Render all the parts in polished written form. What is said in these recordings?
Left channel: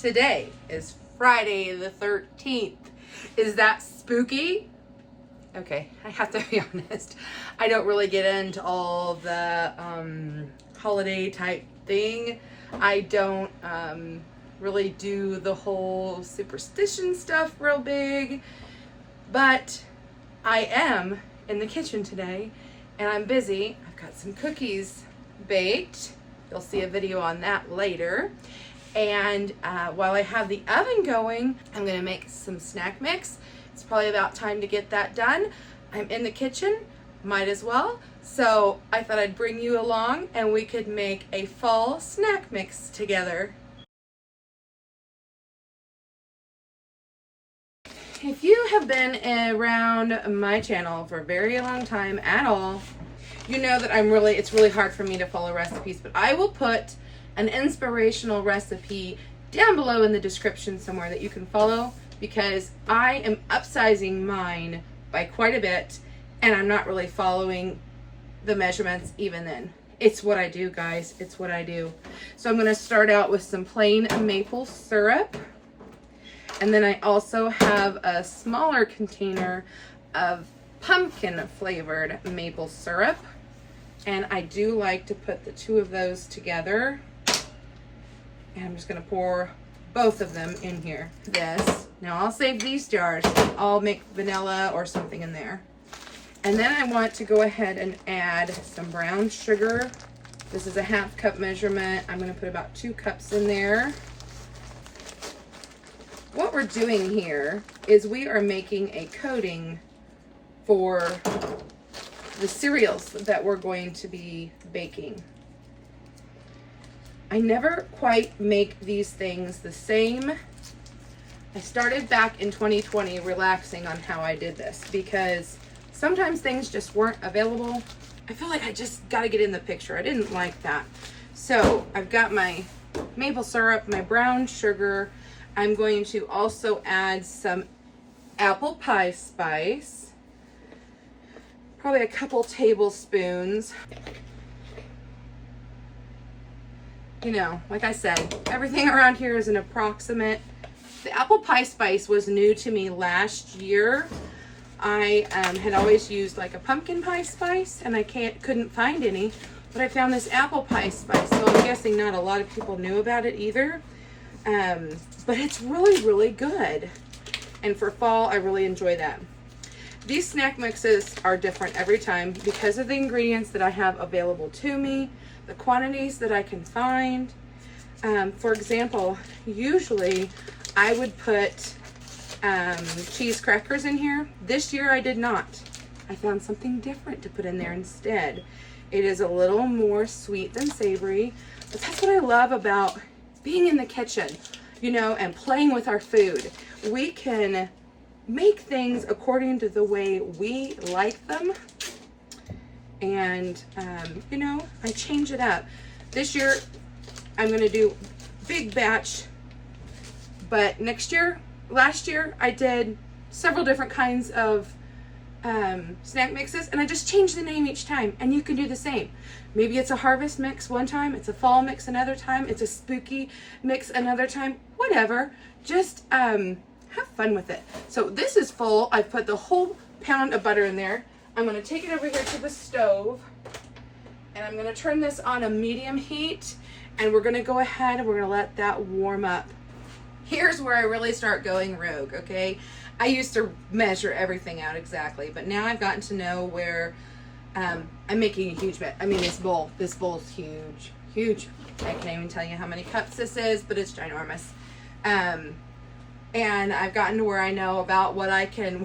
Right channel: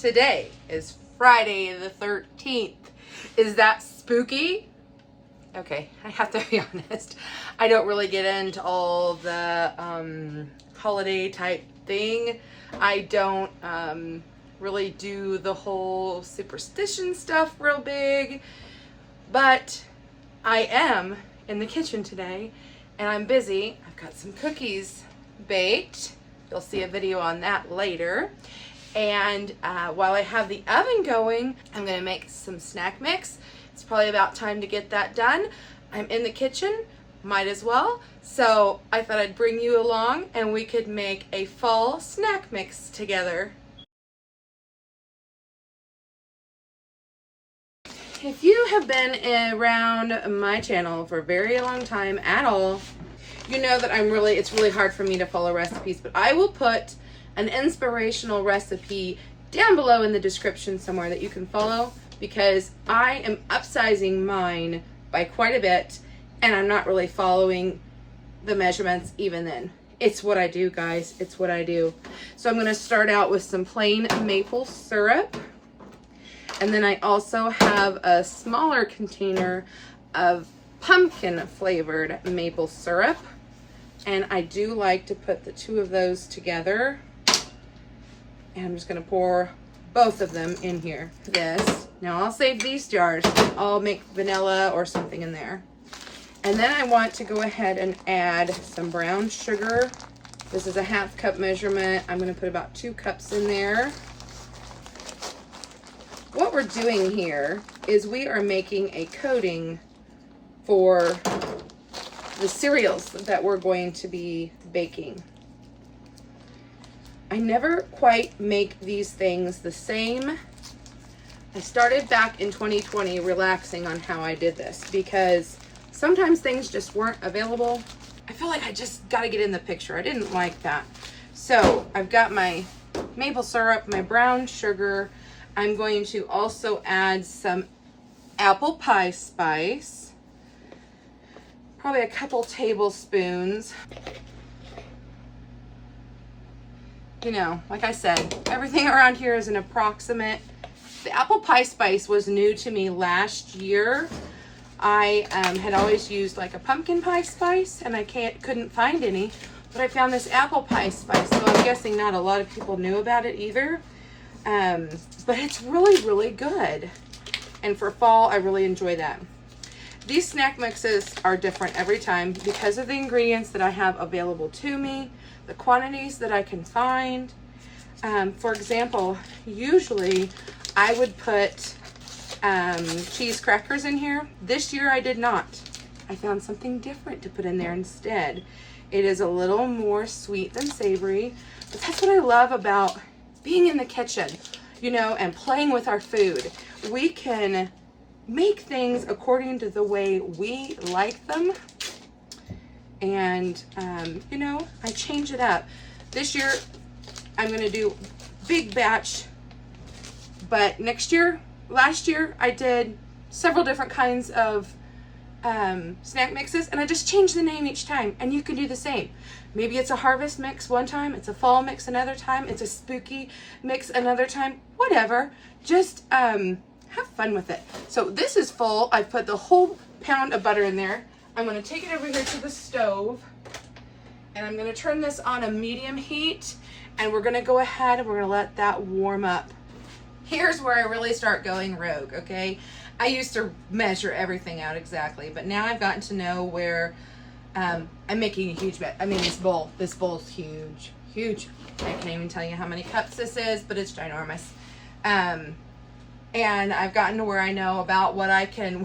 Today is Friday the 13th. Is that spooky? Okay, I have to be honest. I don't really get into all the holiday type thing. I don't really do the whole superstition stuff real big, but I am in the kitchen today and I'm busy. I've got some cookies baked. You'll see a video on that later. And while I have the oven going, I'm gonna make some snack mix. It's probably about time to get that done. I'm in the kitchen, might as well. So I thought I'd bring you along and we could make a fall snack mix together. If you have been around my channel for a very long time at all, you know that it's really hard for me to follow recipes, but I will put an inspirational recipe down below in the description somewhere that you can follow, because I am upsizing mine by quite a bit and I'm not really following the measurements even then. It's what I do, guys. It's what I do. So I'm going to start out with some plain maple syrup. And then I also have a smaller container of pumpkin flavored maple syrup. And I do like to put the two of those together. And I'm just going to pour both of them in here. Now I'll save these jars. I'll make vanilla or something in there. And then I want to go ahead and add some brown sugar. This is a 1/2 cup measurement. I'm going to put about 2 cups in there. What we're doing here is we are making a coating for the cereals that we're going to be baking. I never quite make these things the same. I started back in 2020 relaxing on how I did this because sometimes things just weren't available. I felt like I just got to get in the picture. I didn't like that. So I've got my maple syrup, my brown sugar. I'm going to also add some apple pie spice, probably a couple tablespoons. You know, like I said, everything around here is an approximate. The apple pie spice was new to me last year. I had always used like a pumpkin pie spice and I couldn't find any, but I found this apple pie spice. So I'm guessing not a lot of people knew about it either. But it's really, really good. And for fall, I really enjoy that. These snack mixes are different every time because of the ingredients that I have available to me, the quantities that I can find. For example, usually I would put cheese crackers in here. This year I did not. I found something different to put in there instead. It is a little more sweet than savory, but that's what I love about being in the kitchen, you know, and playing with our food. We can make things according to the way we like them. And, you know, I change it up. This year, I'm going to do big batch, but last year, I did several different kinds of snack mixes, and I just changed the name each time, and you can do the same. Maybe it's a harvest mix one time, it's a fall mix another time, it's a spooky mix another time, whatever. Just have fun with it. So this is full. I put the whole pound of butter in there. I'm going to take it over here to the stove and I'm going to turn this on a medium heat, and we're going to go ahead and we're going to let that warm up. Here's where I really start going rogue, okay? I used to measure everything out exactly, but now I've gotten to know where I'm making a huge bet. I mean, this bowl is huge, huge. I can't even tell you how many cups this is, but it's ginormous. And I've gotten to where I know about what I can,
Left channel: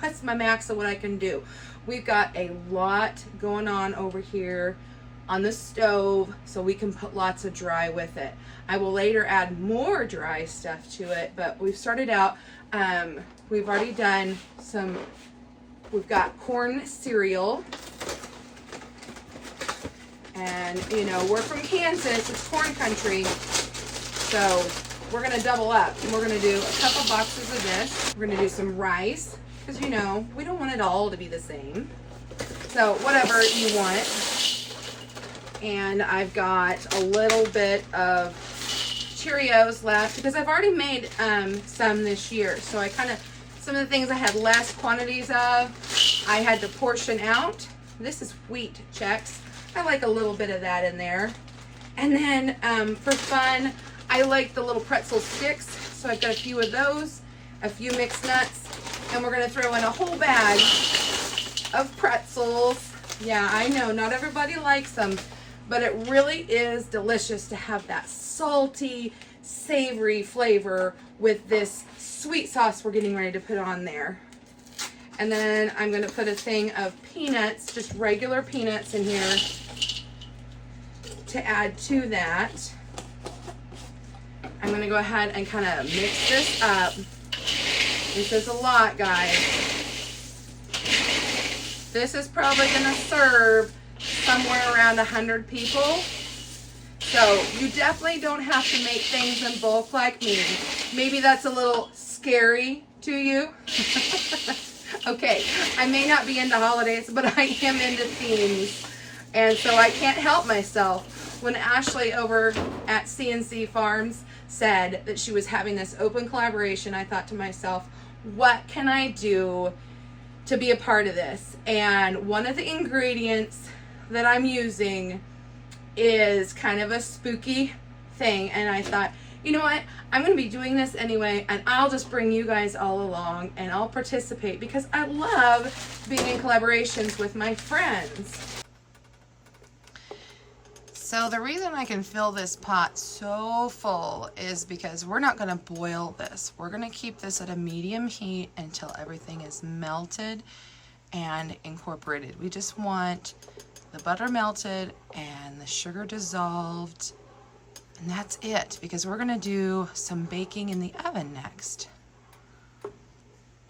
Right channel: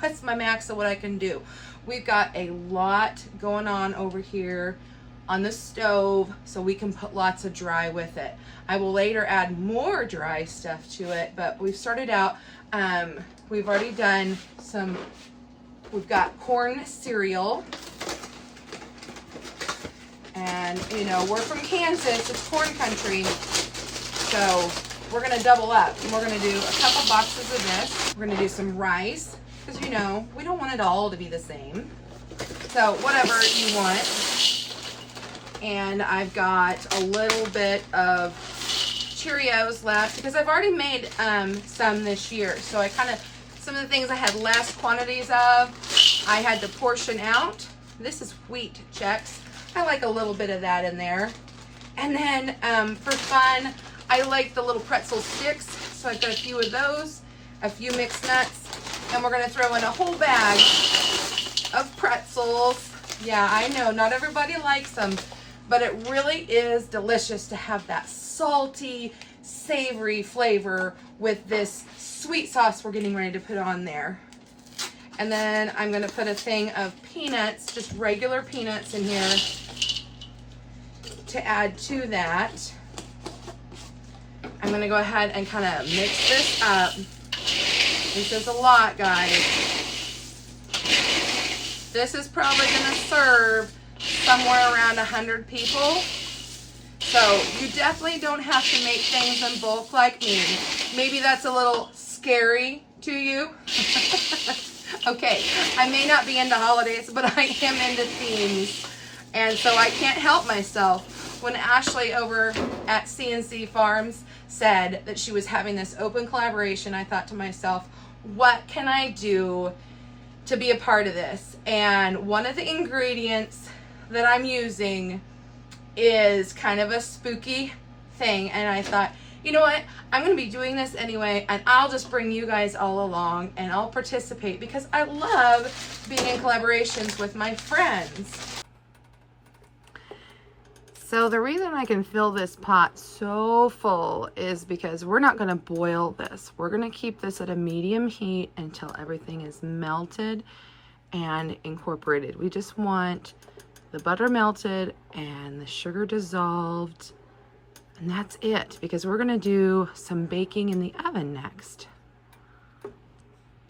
what's my max of what I can do. We've got a lot going on over here on the stove, so we can put lots of dry with it. I will later add more dry stuff to it, but we've started out, we've already done we've got corn cereal. And, you know, we're from Kansas, it's corn country, so we're going to double up. And we're going to do a couple boxes of this. We're going to do some rice, because, you know, we don't want it all to be the same. So whatever you want. And I've got a little bit of Cheerios left because I've already made some this year. So I kind of, some of the things I had less quantities of, I had to portion out. This is wheat Chex. I like a little bit of that in there. And then for fun, I like the little pretzel sticks. So I've got a few of those, a few mixed nuts, and we're gonna throw in a whole bag of pretzels. Yeah, I know not everybody likes them, but it really is delicious to have that salty, savory flavor with this sweet sauce we're getting ready to put on there. And then I'm gonna put a thing of peanuts, just regular peanuts in here to add to that. I'm gonna go ahead and kind of mix this up. This is a lot, guys. This is probably gonna serve somewhere around 100 people. So you definitely don't have to make things in bulk like me. Maybe that's a little scary to you. Okay, I may not be into holidays, but I am into themes. And so I can't help myself. When Ashley over at CNC Farms said that she was having this open collaboration, I thought to myself, what can I do to be a part of this? And one of the ingredients that I'm using is kind of a spooky thing. And I thought, you know what? I'm going to be doing this anyway, and I'll just bring you guys all along and I'll participate because I love being in collaborations with my friends. So the reason I can fill this pot so full is because we're not going to boil this. We're going to keep this at a medium heat until everything is melted and incorporated. We just want the butter melted and the sugar dissolved, and that's it, because we're going to do some baking in the oven next.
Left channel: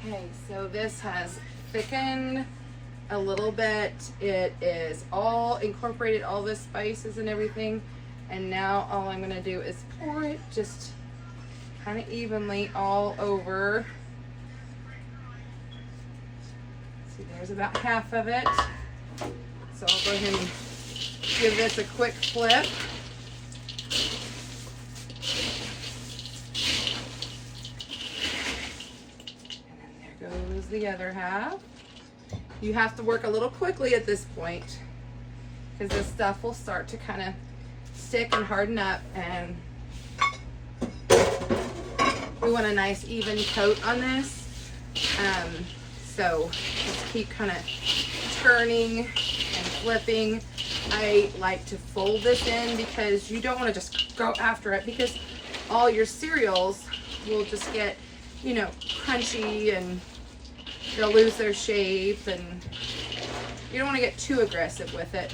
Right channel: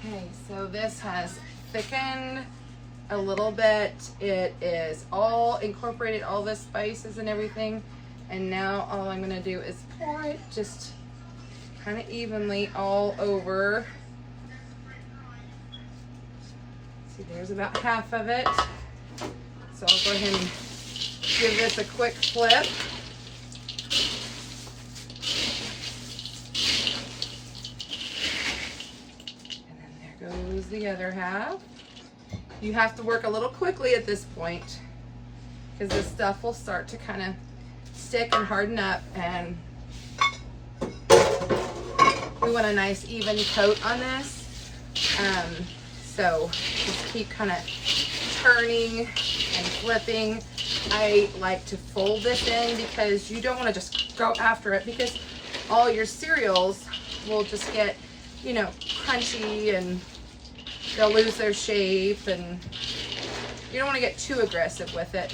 Okay, so this has thickened a little bit. It is all incorporated, all the spices and everything, and now all I'm going to do is pour it just kind of evenly all over. See, there's about half of it. So I'll go ahead and give this a quick flip. And then there goes the other half. You have to work a little quickly at this point because this stuff will start to kind of stick and harden up, and we want a nice even coat on this. So just keep kind of turning and flipping. I like to fold this in because you don't want to just go after it, because all your cereals will just get, you know, crunchy and they'll lose their shape, and you don't want to get too aggressive with it.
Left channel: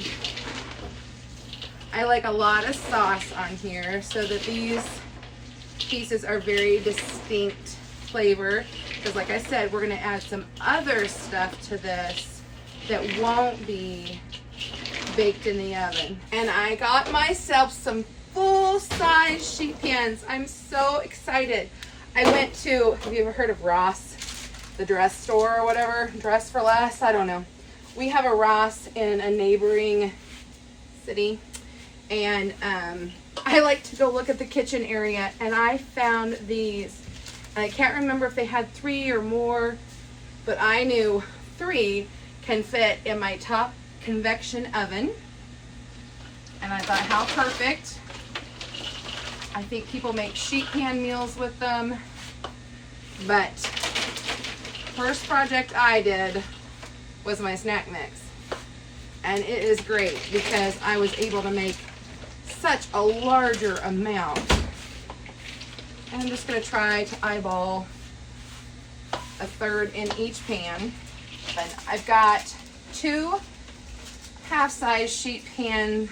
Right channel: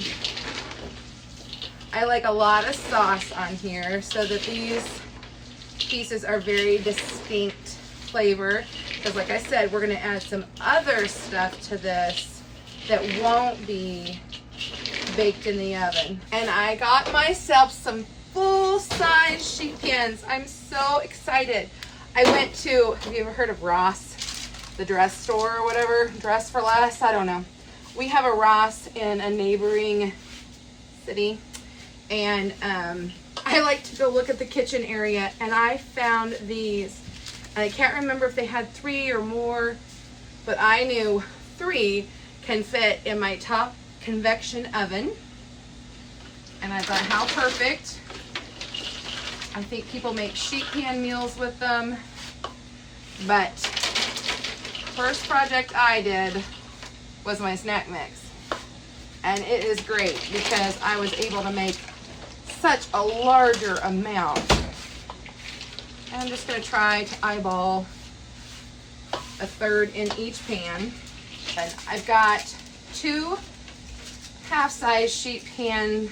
I like a lot of sauce on here so that these pieces are very distinct flavor, because like I said, we're going to add some other stuff to this that won't be baked in the oven. And I got myself some full-size sheet pans. I'm so excited. I went to, have you ever heard of Ross? The dress store or whatever, Dress for Less, I don't know. We have a Ross in a neighboring city, and I like to go look at the kitchen area, and I found these. I can't remember if they had 3 or more, but I knew 3 can fit in my top convection oven, and I thought, how perfect. I think people make sheet pan meals with them, but first project I did was my snack mix, and it is great because I was able to make such a larger amount. And I'm just going to try to eyeball a third in each pan. And I've got 2 half-size sheet pan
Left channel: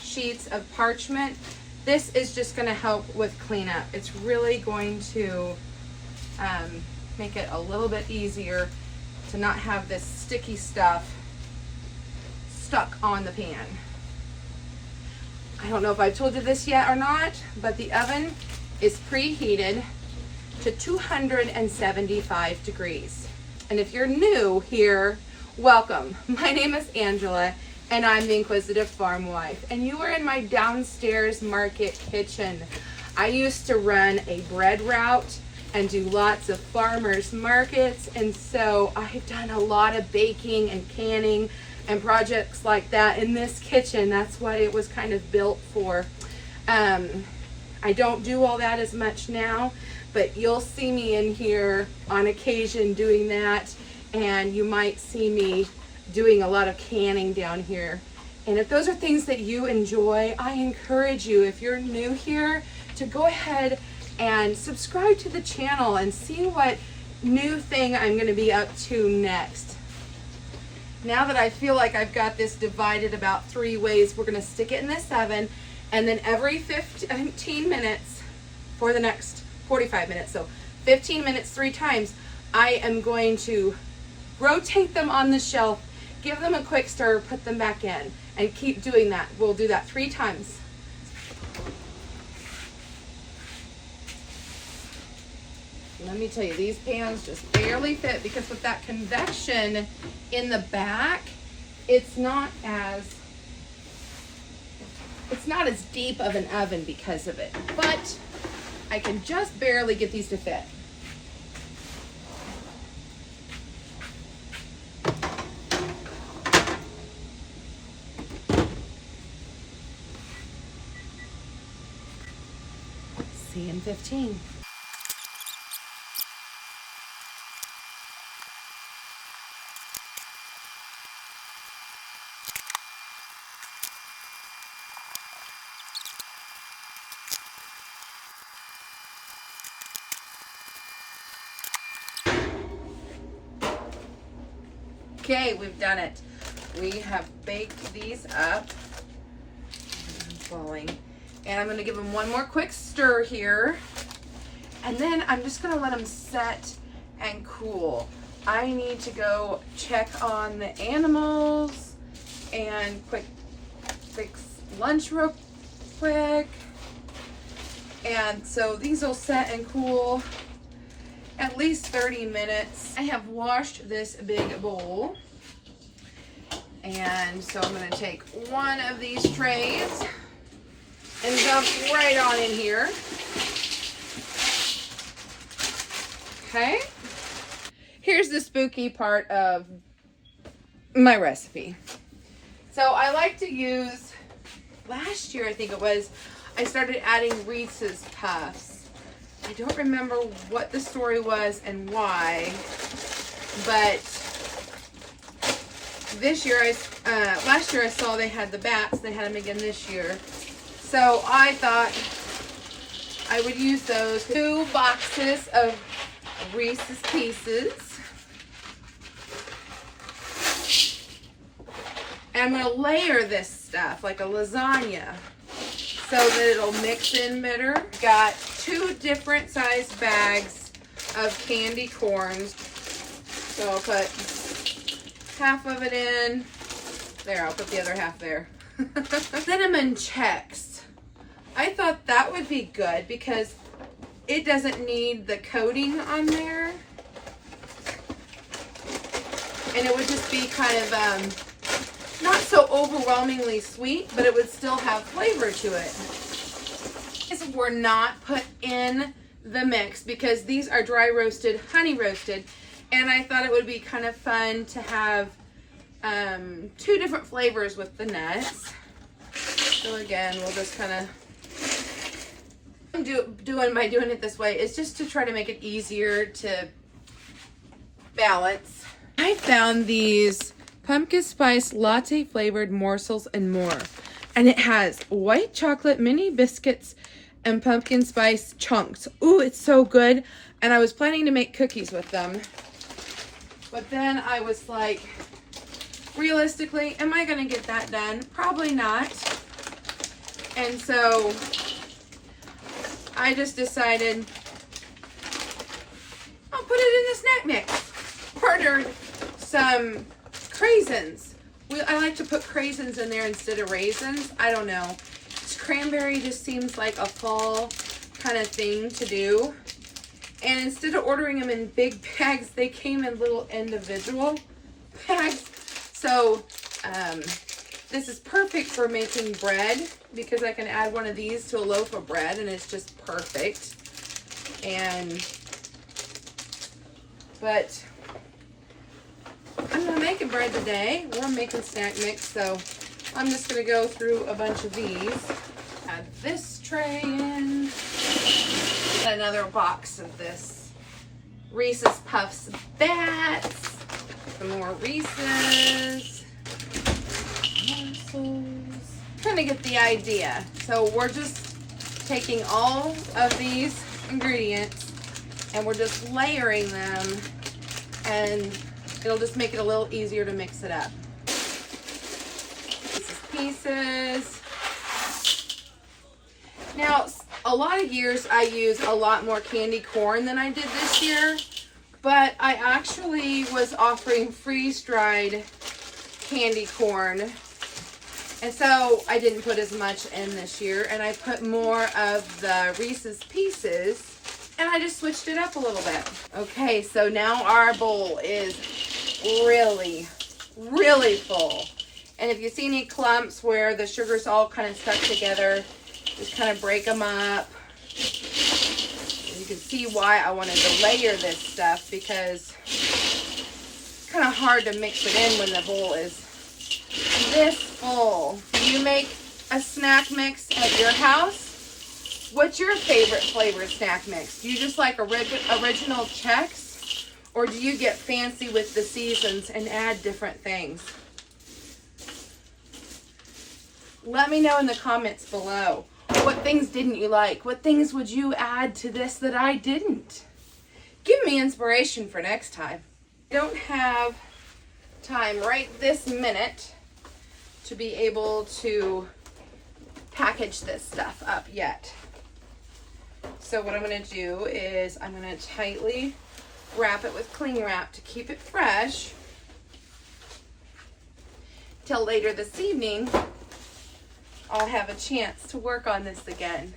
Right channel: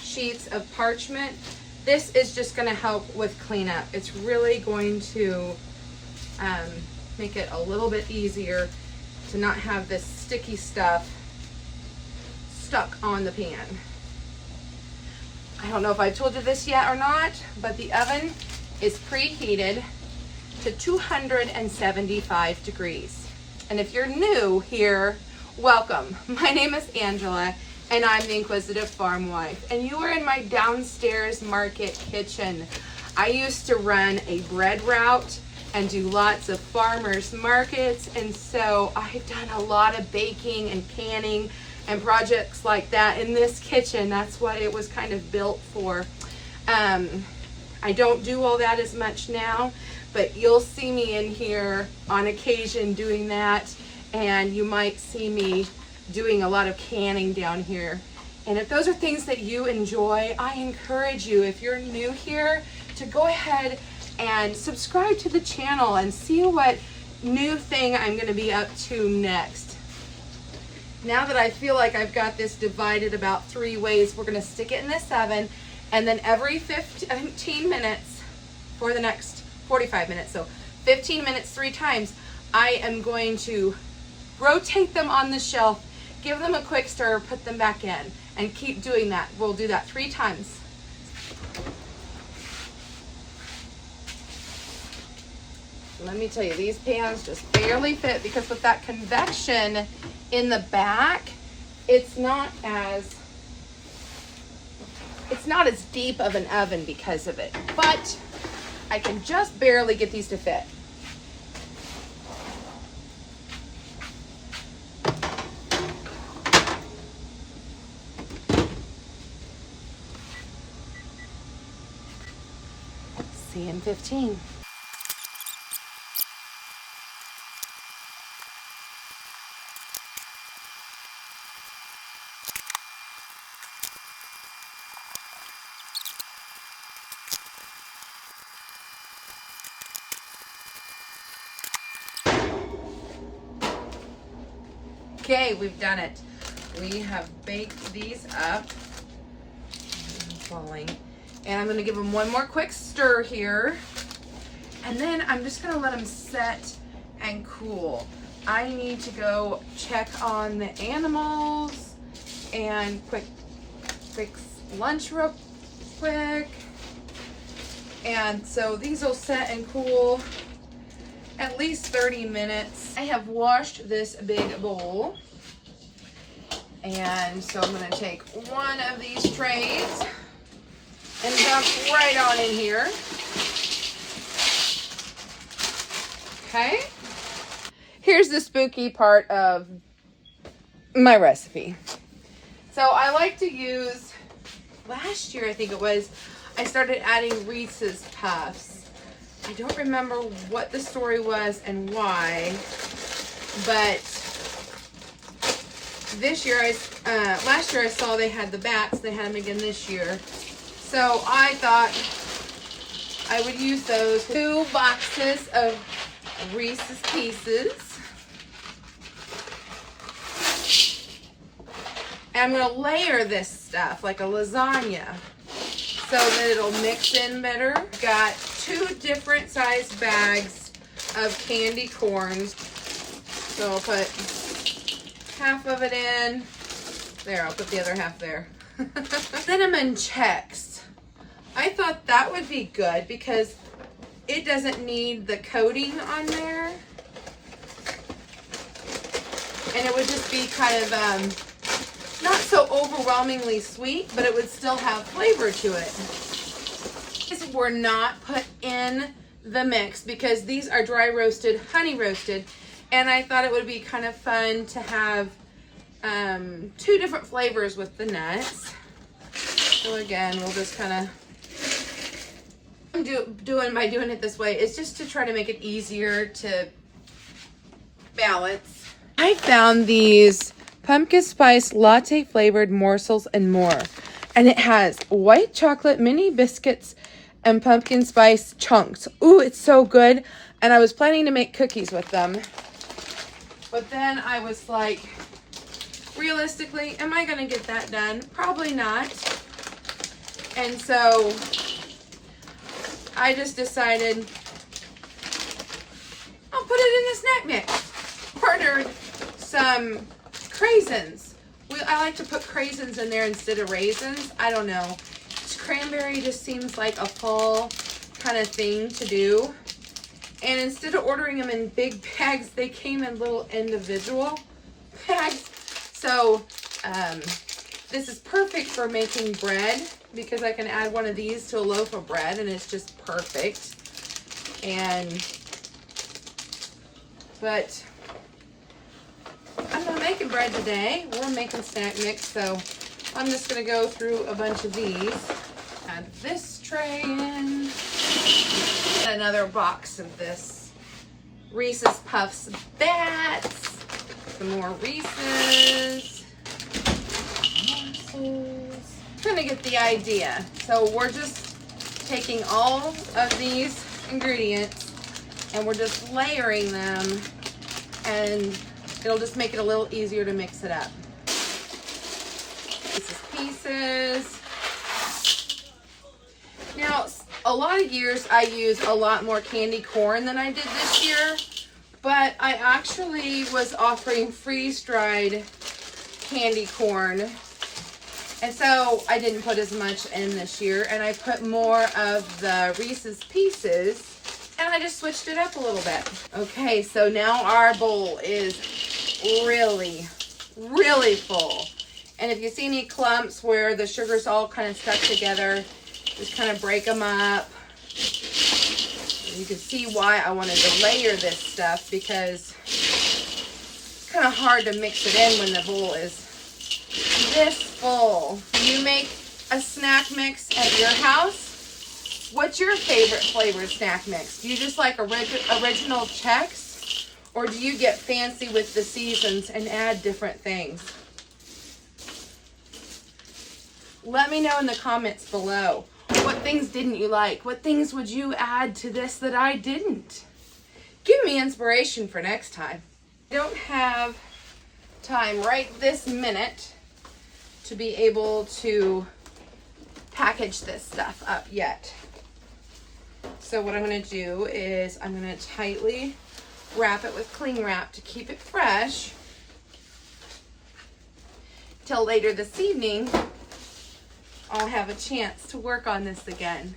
sheets of parchment. This is just going to help with cleanup. It's really going to make it a little bit easier to not have this sticky stuff stuck on the pan. I don't know if I've told you this yet or not, but the oven is preheated to 275 degrees. And if you're new here, welcome. My name is Angela, and I'm the Inquisitive Farmwife, and you are in my downstairs market kitchen. I used to run a bread route and do lots of farmers markets, and so I've done a lot of baking and canning and projects like that in this kitchen. That's what it was kind of built for. I don't do all that as much now, but you'll see me in here on occasion doing that, and you might see me doing a lot of canning down here. And if those are things that you enjoy, I encourage you, if you're new here, to go ahead and subscribe to the channel and see what new thing I'm going to be up to next. Now that I feel like I've got this divided about 3 ways, we're going to stick it in this oven, and then every 15 minutes for the next 45 minutes, so 15 minutes 3 times, I am going to rotate them on the shelf, give them a quick stir, put them back in, and keep doing that. We'll do that 3 times. Let me tell you, these pans just barely fit because with that convection in the back, it's not as deep of an oven because of it. But I can just barely get these to fit. See you in 15. Okay, we've done it. We have baked these up. Falling. And I'm going to give them one more quick stir here. And then I'm just going to let them set and cool. I need to go check on the animals and fix lunch real quick. And so these will set and cool at least 30 minutes. I have washed this big bowl. And so I'm going to take one of these trays and dump right on in here. Okay. Here's the spooky part of my recipe. So I like to use, last year I think it was, I started adding Reese's Puffs. I don't remember what the story was and why, but this year, last year I saw they had the bats. They had them again this year. So I thought I would use those 2 boxes of Reese's Pieces. And I'm going to layer this stuff like a lasagna so that it'll mix in better. Got 2 different size bags of candy corns. So I'll put half of it in. There, I'll put the other half there. Cinnamon checks. I thought that would be good because it doesn't need the coating on there. And it would just be kind of not so overwhelmingly sweet, but it would still have flavor to it. These were not put in the mix because these are dry roasted, honey roasted, and I thought it would be kind of fun to have 2 different flavors with the nuts. So again, we'll just kind of by doing it this way is just to try to make it easier to balance. I found these pumpkin spice latte flavored morsels and more, and it has white chocolate mini biscuits and pumpkin spice chunks. Ooh, it's so good. And I was planning to make cookies with them, but then I was like, realistically, am I gonna get that done? Probably not. And so I just decided I'll put it in the snack mix. Ordered some craisins. I like to put craisins in there instead of raisins. I don't know. Cranberry just seems like a fall kind of thing to do. And instead of ordering them in big bags, they came in little individual bags. So this is perfect for making bread because I can add one of these to a loaf of bread and it's just perfect. But I'm not making bread today. We're making snack mix, so I'm just gonna go through a bunch of these. Add this tray in. Another box of this Reese's Puffs Bats. Some more Reese's. Kind of get the idea. So we're just taking all of these ingredients and we're just layering them, and it'll just make it a little easier to mix it up. Pieces. Now, a lot of years I use a lot more candy corn than I did this year, but I actually was offering freeze-dried candy corn, and so I didn't put as much in this year, and I put more of the Reese's Pieces, and I just switched it up a little bit. Okay, so now our bowl is really, really full. And if you see any clumps where the sugar's all kind of stuck together, just kind of break them up. And you can see why I wanted to layer this stuff, because it's kind of hard to mix it in when the bowl is this full. You make a snack mix at your house? What's your favorite flavored snack mix? Do you just like original Chex? Or do you get fancy with the seasons and add different things? Let me know in the comments below. What things didn't you like? What things would you add to this that I didn't? Give me inspiration for next time. I don't have time right this minute to be able to package this stuff up yet. So what I'm going to do is I'm going to tightly wrap it with cling wrap to keep it fresh till later this evening. I'll have a chance to work on this again.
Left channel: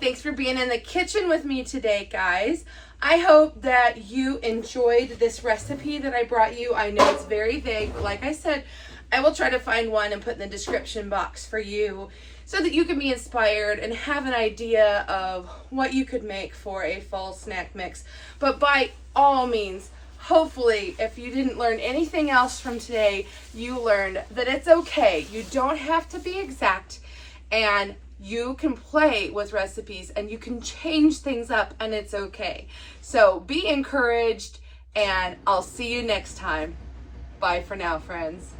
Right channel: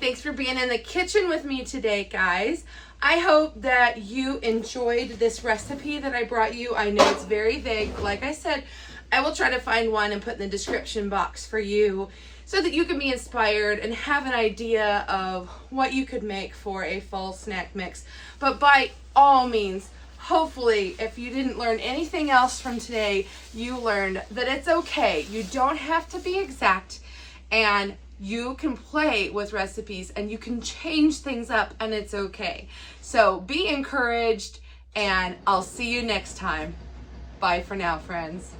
Thanks for being in the kitchen with me today, guys. I hope that you enjoyed this recipe that I brought you. I know it's very vague, but like I said, I will try to find one and put in the description box for you so that you can be inspired and have an idea of what you could make for a fall snack mix. But by all means, hopefully, if you didn't learn anything else from today, you learned that it's okay. You don't have to be exact, and you can play with recipes and you can change things up, and it's okay. So be encouraged, and I'll see you next time. Bye for now, friends.